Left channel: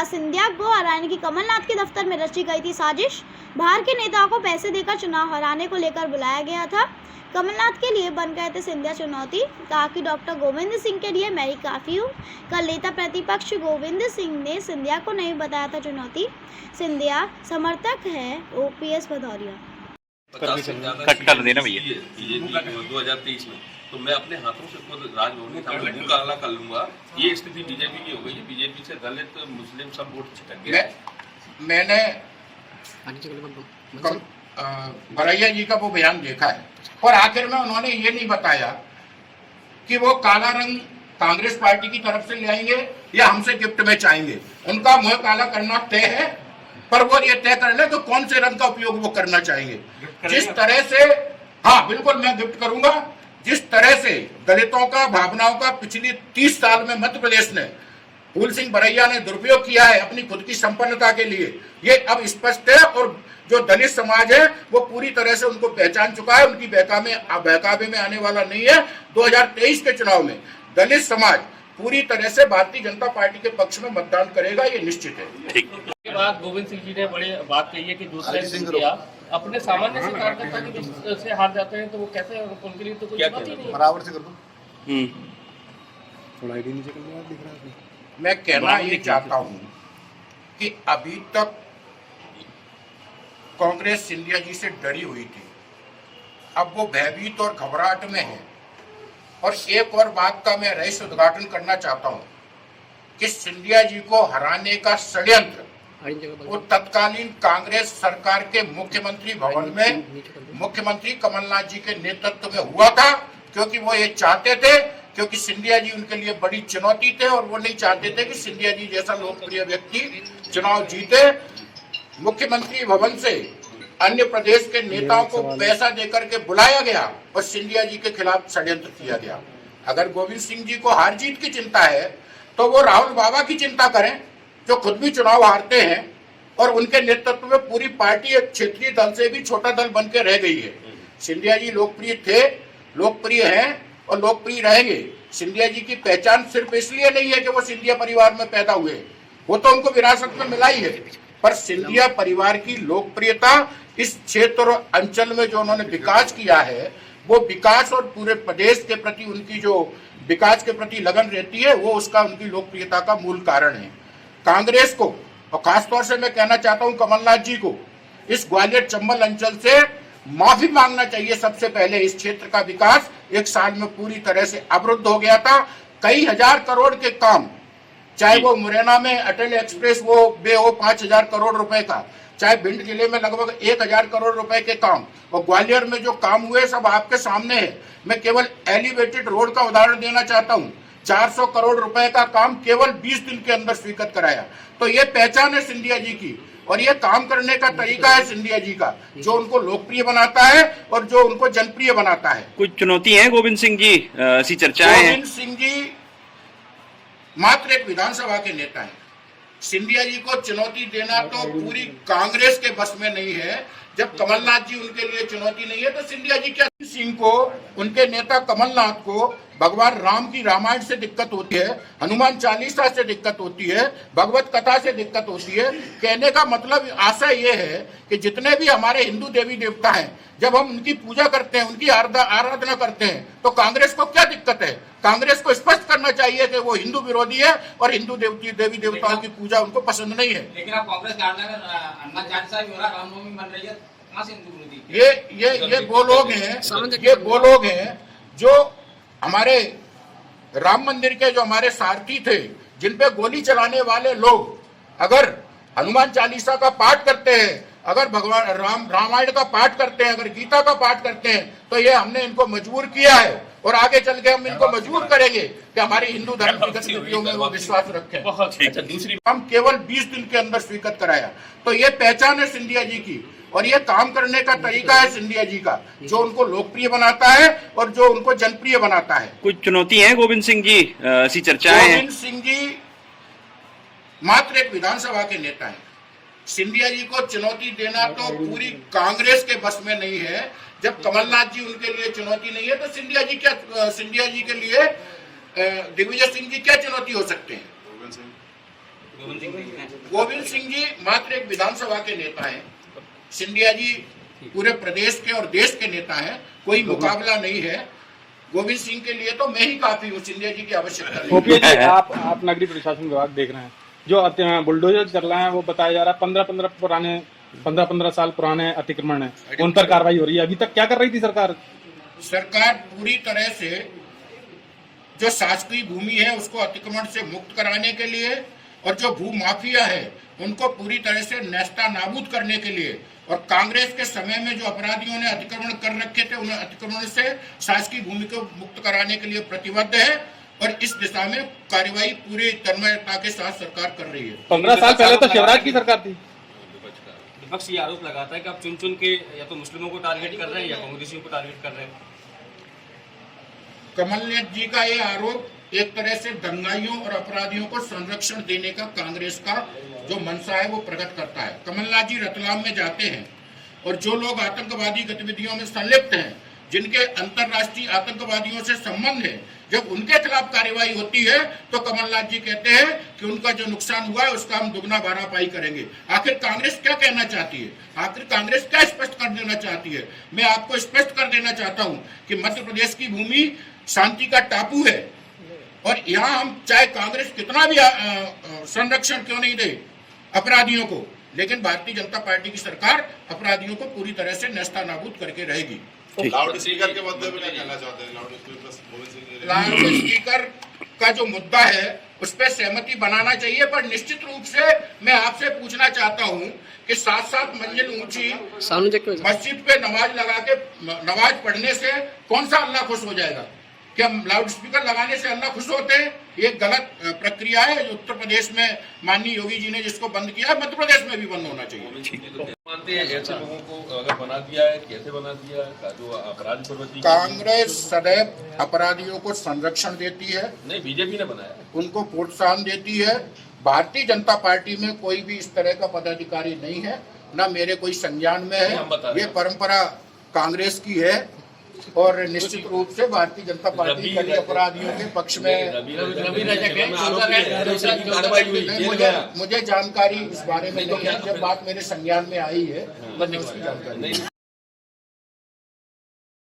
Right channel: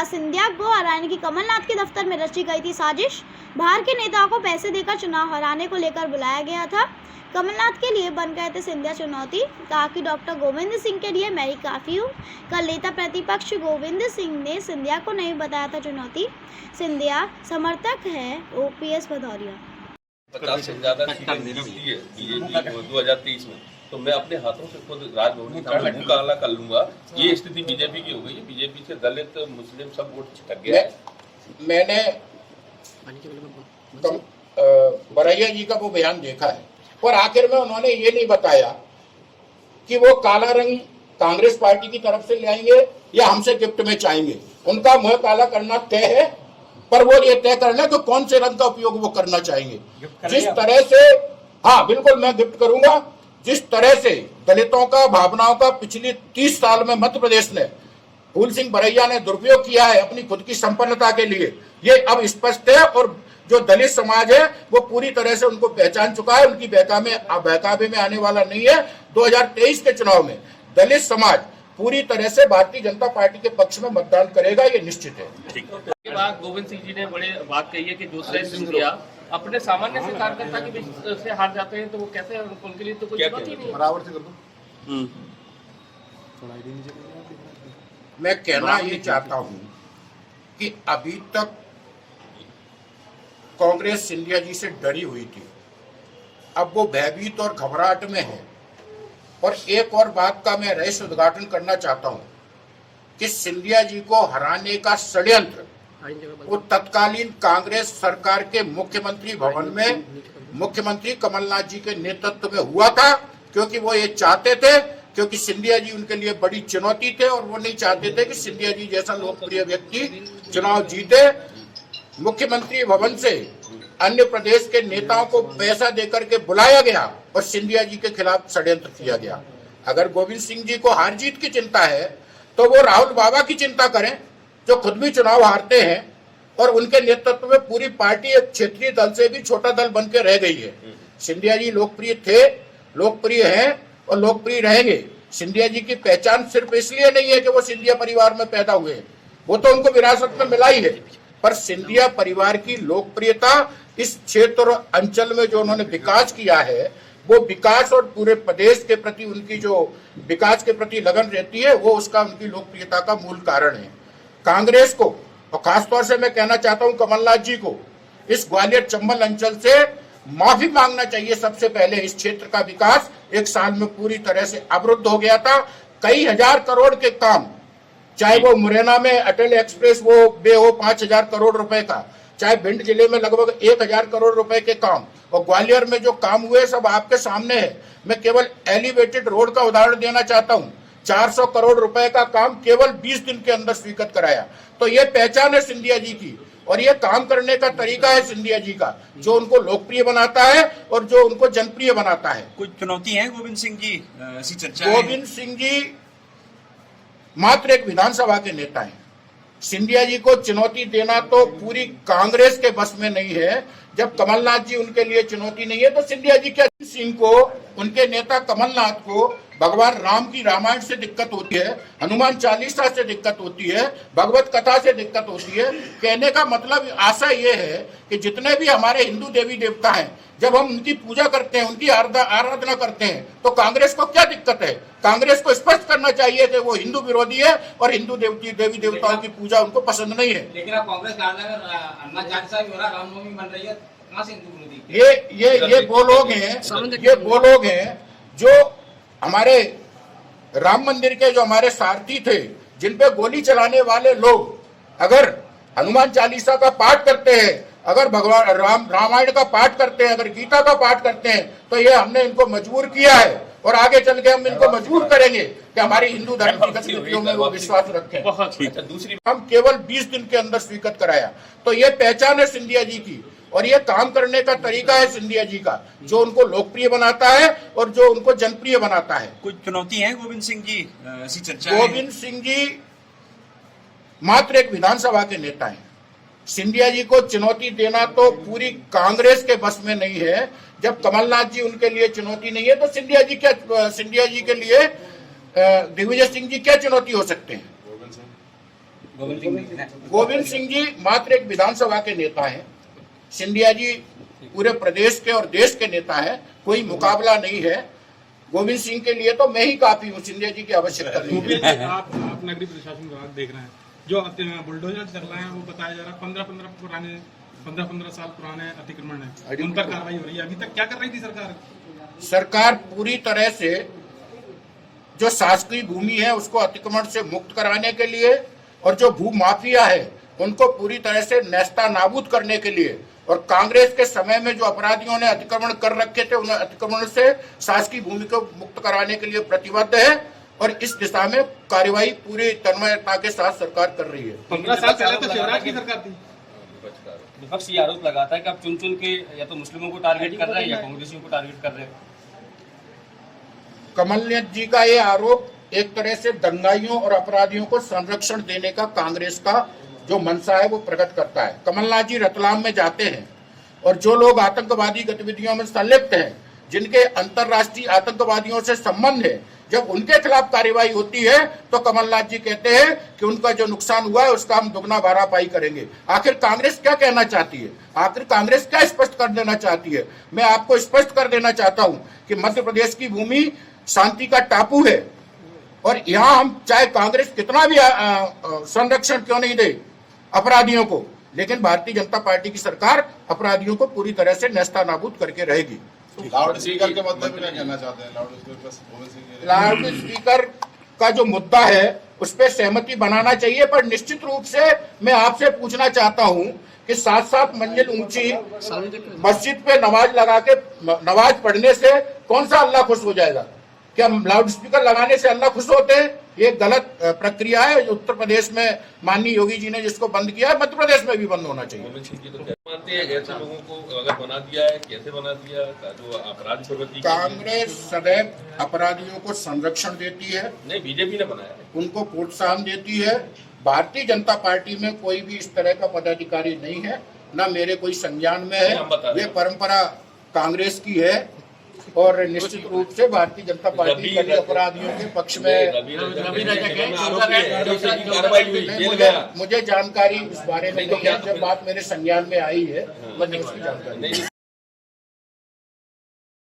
कहा, सिंधिया को हराने की कमलनाथ के दफ्तर में रची गई थी साजिश। बाहर के नेताओं को पैसे देकर चुनाव हराने को लेकर बुलाया गया था। कमलनाथ के लिए बन गए थे सिंधिया चुनौती। कहा कि डॉक्टर गोविंद सिंह के लिए मैं ही काफ़ी हूँ। कल नेता प्रतिपक्ष गोविंद सिंह ने सिंधिया को नहीं बताया था चुनौती। सिंधिया समर्थक है ओपीएस भदौरिया। 50 से ज्यादा बीजेपी 2023 में, तो मैं अपने हाथों से खुद राजभवन के सामने मुकाबला कर लूंगा। ये स्थिति बीजेपी की हो गई है। बीजेपी से दलित मुस्लिम सब वोट छिटक गया। मैंने बरैया जी का वो बयान देखा है और आखिर में उन्होंने ये नहीं बताया कि वो काला रंग कांग्रेस पार्टी की तरफ से ले आएंगे या हमसे गिफ्ट में चाहेंगे। उनका मुंह काला करना तय है, पर वो ये तय करना कि कौन से रंग का उपयोग वो करना चाहेंगे। जिस तरह से, हाँ बिल्कुल मैं गिफ्ट करूंगा। जिस तरह से दलितों का भावनाओं का पिछली 30 साल में मध्य प्रदेश ने फूल सिंह बरैया ने दुरुपयोग किया है अपनी खुद की संपन्नता के लिए, ये अब स्पष्ट है। और जो दलित समाज है वो पूरी तरह से उनको पहचान चुका है। उनकी बहकावे में आने वाला नहीं है। 2023 के चुनाव में दलित समाज पूरी तरह से भारतीय जनता पार्टी के पक्ष में मतदान करेगा, ये निश्चित है। इसके बाद गोविंद सिंह जी ने बड़े बात कही है कि दूसरे सिंधिया अपने सामान्य से कार्यकर्ता की बीच से हार जाते हैं, तो वो कैसे, उनके लिए तो कुछ बात ही नहीं। बराबर से कर दो। मैं कहना ये चाहता हूं कि अभी तक कांग्रेस सिंधिया जी से डरी हुई थी, अब वो भयभीत और घबराहट में है। और एक और बात का मैं रहस्य उद्घाटन करना चाहता हूं कि सिंधिया जी को हराने का षड्यंत्र वो तत्कालीन कांग्रेस सरकार के मुख्यमंत्री भवन में मुख्यमंत्री कमलनाथ जी के नेतृत्व में हुआ था, क्योंकि वो ये चाहते थे, क्योंकि सिंधिया जी उनके लिए बड़ी चुनौती थे और वो नहीं चाहते थे कि सिंधिया जी जैसा लोकप्रिय व्यक्ति चुनाव जीते। मुख्यमंत्री भवन से अन्य प्रदेश के नेताओं को पैसा देकर के बुलाया गया और सिंधिया जी के खिलाफ षड्यंत्र किया गया। अगर गोविंद सिंह जी को हार जीत की चिंता है तो वो राहुल बाबा की चिंता करें, जो खुद भी चुनाव हारते हैं और उनके नेतृत्व में पूरी पार्टी एक क्षेत्रीय दल से भी छोटा दल बन के रह गई है। सिंधिया जी लोकप्रिय थे, लोकप्रिय हैं और लोकप्रिय रहेंगे। सिंधिया जी की पहचान सिर्फ इसलिए नहीं है कि वो सिंधिया परिवार में पैदा हुए, वो तो उनको विरासत में मिला ही है, पर सिंधिया परिवार की लोकप्रियता इस क्षेत्र और अंचल में जो उन्होंने विकास किया है, वो विकास और पूरे प्रदेश के प्रति उनकी जो विकास के प्रति लगन रहती है, वो उसका उनकी लोकप्रियता का मूल कारण है। कांग्रेस को और खासतौर से मैं कहना चाहता हूं कमलनाथ जी को, इस ग्वालियर चंबल अंचल से माफी मांगना चाहिए। सबसे पहले इस क्षेत्र का विकास 1 साल में पूरी तरह से अवरुद्ध हो गया था। कई हजार करोड़ के काम, चाहे वो मुरैना में अटल एक्सप्रेस वो वे हो 5,000 करोड़ रुपए का, चाहे भिंड जिले में लगभग 1,000 करोड़ रुपए के काम, और ग्वालियर में जो काम हुए सब आपके सामने है। मैं केवल एलिवेटेड रोड का उदाहरण देना चाहता हूं। 400 करोड़ रुपए का काम केवल 20 दिन के अंदर स्वीकृत कराया। तो ये पहचान है सिंधिया जी की और ये काम करने का तरीका है सिंधिया जी का, जो उनको लोकप्रिय बनाता है और जो उनको जनप्रिय बनाता है। कुछ चुनौती है गोविंद सिंह जी, ऐसी चर्चाएं हैं। गोविंद सिंह जी मात्र एक विधानसभा के नेता हैं। सिंधिया जी को चुनौती देना तो पूरी कांग्रेस के बस में नहीं है। जब कमलनाथ जी उनके लिए चुनौती नहीं है तो सिंधिया जी क्या? सिंह को, उनके नेता कमलनाथ को भगवान राम की रामायण से दिक्कत होती है, हनुमान चालीसा से दिक्कत होती है, भगवत कथा से दिक्कत होती है। कहने का मतलब आशा ये है कि जितने भी हमारे हिंदू देवी देवता हैं, जब हम उनकी पूजा करते हैं, उनकी आराधना करते हैं, तो कांग्रेस को क्या दिक्कत है? कांग्रेस को स्पष्ट करना चाहिए कि वो हिंदू विरोधी है और हिंदू देवी देवताओं की पूजा उनको पसंद नहीं है। लेकिन आप कांग्रेस रामनवमी बन रही है, ये वो लोग हैं जो हमारे राम मंदिर के जो हमारे सारथी थे, जिन पे गोली चलाने वाले लोग अगर हनुमान चालीसा का पाठ करते हैं, अगर भगवान रामायण का पाठ करते हैं, अगर गीता का पाठ करते हैं, तो ये हमने इनको मजबूर किया है और आगे चल के हम इनको मजबूर करेंगे कि हमारी हिंदू धर्म की गतिविधियों में वो विश्वास रखें। दूसरी हम केवल 20 दिन के अंदर स्वीकृत कराया, तो ये पहचान है सिंधिया जी की और ये काम करने का तरीका है सिंधिया जी का, जो उनको लोकप्रिय बनाता है और जो उनको जनप्रिय बनाता है। कुछ चुनौती है गोविंद सिंह जी, ऐसी चर्चाएं हैं। गोविंद सिंह जी मात्र एक विधानसभा के नेता हैं। सिंधिया जी को चुनौती देना तो पूरी कांग्रेस के बस में नहीं है। जब कमलनाथ जी उनके लिए चुनौती नहीं है तो सिंधिया जी के लिए दिग्विजय सिंह जी क्या चुनौती हो सकते हैं? गोविंद सिंह जी मात्र एक विधानसभा के नेता हैं। सिंधिया जी पूरे प्रदेश के और देश के नेता हैं, कोई मुकाबला नहीं है। गोविंद सिंह के लिए तो मैं ही काफी हूँ, सिंधिया जी की आवश्यकता नहीं गोपी जी, आप नगरीय प्रशासन विभाग देख रहे हैं, जो बुलडोजर चल रहा है वो बताया जा रहा है 15 साल पुराने अतिक्रमण है, उन पर कार्रवाई हो रही है। अभी तक क्या कर रही थी सरकार? सरकार पूरी तरह से जो शासकीय भूमि है उसको अतिक्रमण से मुक्त कराने के लिए और जो भू माफिया है उनको पूरी तरह से नेस्ता नाबूद करने के लिए, और कांग्रेस के समय में जो अपराधियों ने अतिक्रमण कर रखे थे उन्हें अतिक्रमण से शासकीय भूमि को मुक्त कराने के लिए प्रतिबद्ध है और इस दिशा में कार्रवाई पूरी तन्मयता के साथ सरकार कर रही है। 15 साल पहले तो शिवराज की सरकार थी। विपक्ष ये आरोप लगाता है कि आप चुन चुन के या तो मुस्लिमों को टारगेट कर रहे हैं या कांग्रेसियों को टारगेट कर रहे हैं। कमलनाथ जी का ये आरोप एक तरह से दंगाइयों और अपराधियों को संरक्षण देने का कांग्रेस का जो मंशा है वो प्रकट करता है। कमलनाथ जी रतलाम में जाते हैं और जो लोग आतंकवादी गतिविधियों में संलिप्त हैं, जिनके अंतर्राष्ट्रीय आतंकवादियों से संबंध है, जब उनके खिलाफ कार्रवाई होती है तो कमलनाथ जी कहते हैं कि उनका जो नुकसान हुआ है उसका हम दुगना भरपाई करेंगे। आखिर कांग्रेस क्या कहना चाहती है? आखिर कांग्रेस क्या स्पष्ट कर देना चाहती है? मैं आपको स्पष्ट कर देना चाहता हूं कि मध्य प्रदेश की भूमि शांति का टापू है और यहाँ हम चाहे कांग्रेस कितना भी संरक्षण क्यों नहीं दे अपराधियों को, लेकिन भारतीय जनता पार्टी की सरकार अपराधियों को पूरी तरह से नेस्ता नाबूद करके रहेगी। लाउड स्पीकर के मुद्दे में क्या कहना चाहते हैं? लाउड स्पीकर का जो मुद्दा है उस पर सहमति बनाना चाहिए, पर निश्चित रूप से मैं आपसे पूछना चाहता हूं कि 7-7 मंजिल ऊंची मस्जिद पे नमाज लगा के नमाज पढ़ने से कौन सा अल्लाह खुश हो जाएगा? क्या लाउड स्पीकर लगाने से अल्लाह खुश होते हैं? ये गलत प्रक्रिया है। जो उत्तर प्रदेश में माननीय योगी जी ने जिसको बंद किया है, मध्य प्रदेश में भी बंद होना चाहिए। मानते हैं ऐसे लोगों को अगर बना दिया है, कैसे बना दिया जो अपराध प्रवृत्ति? कांग्रेस सदैव अपराधियों को संरक्षण देती है, नहीं बीजेपी ने बनाया है। उनको प्रोत्साहन देती है। भारतीय जनता पार्टी में कोई भी इस तरह का पदाधिकारी नहीं है, न मेरे कोई संज्ञान में है। ये परंपरा कांग्रेस की है और निश्चित रूप से भारतीय जनता पार्टी कड़ी अपराधियों के पक्ष में मुझे जानकारी इस बारे में नहीं है। जब बात मेरे संज्ञान में आई है मैंने उसकी जानकारी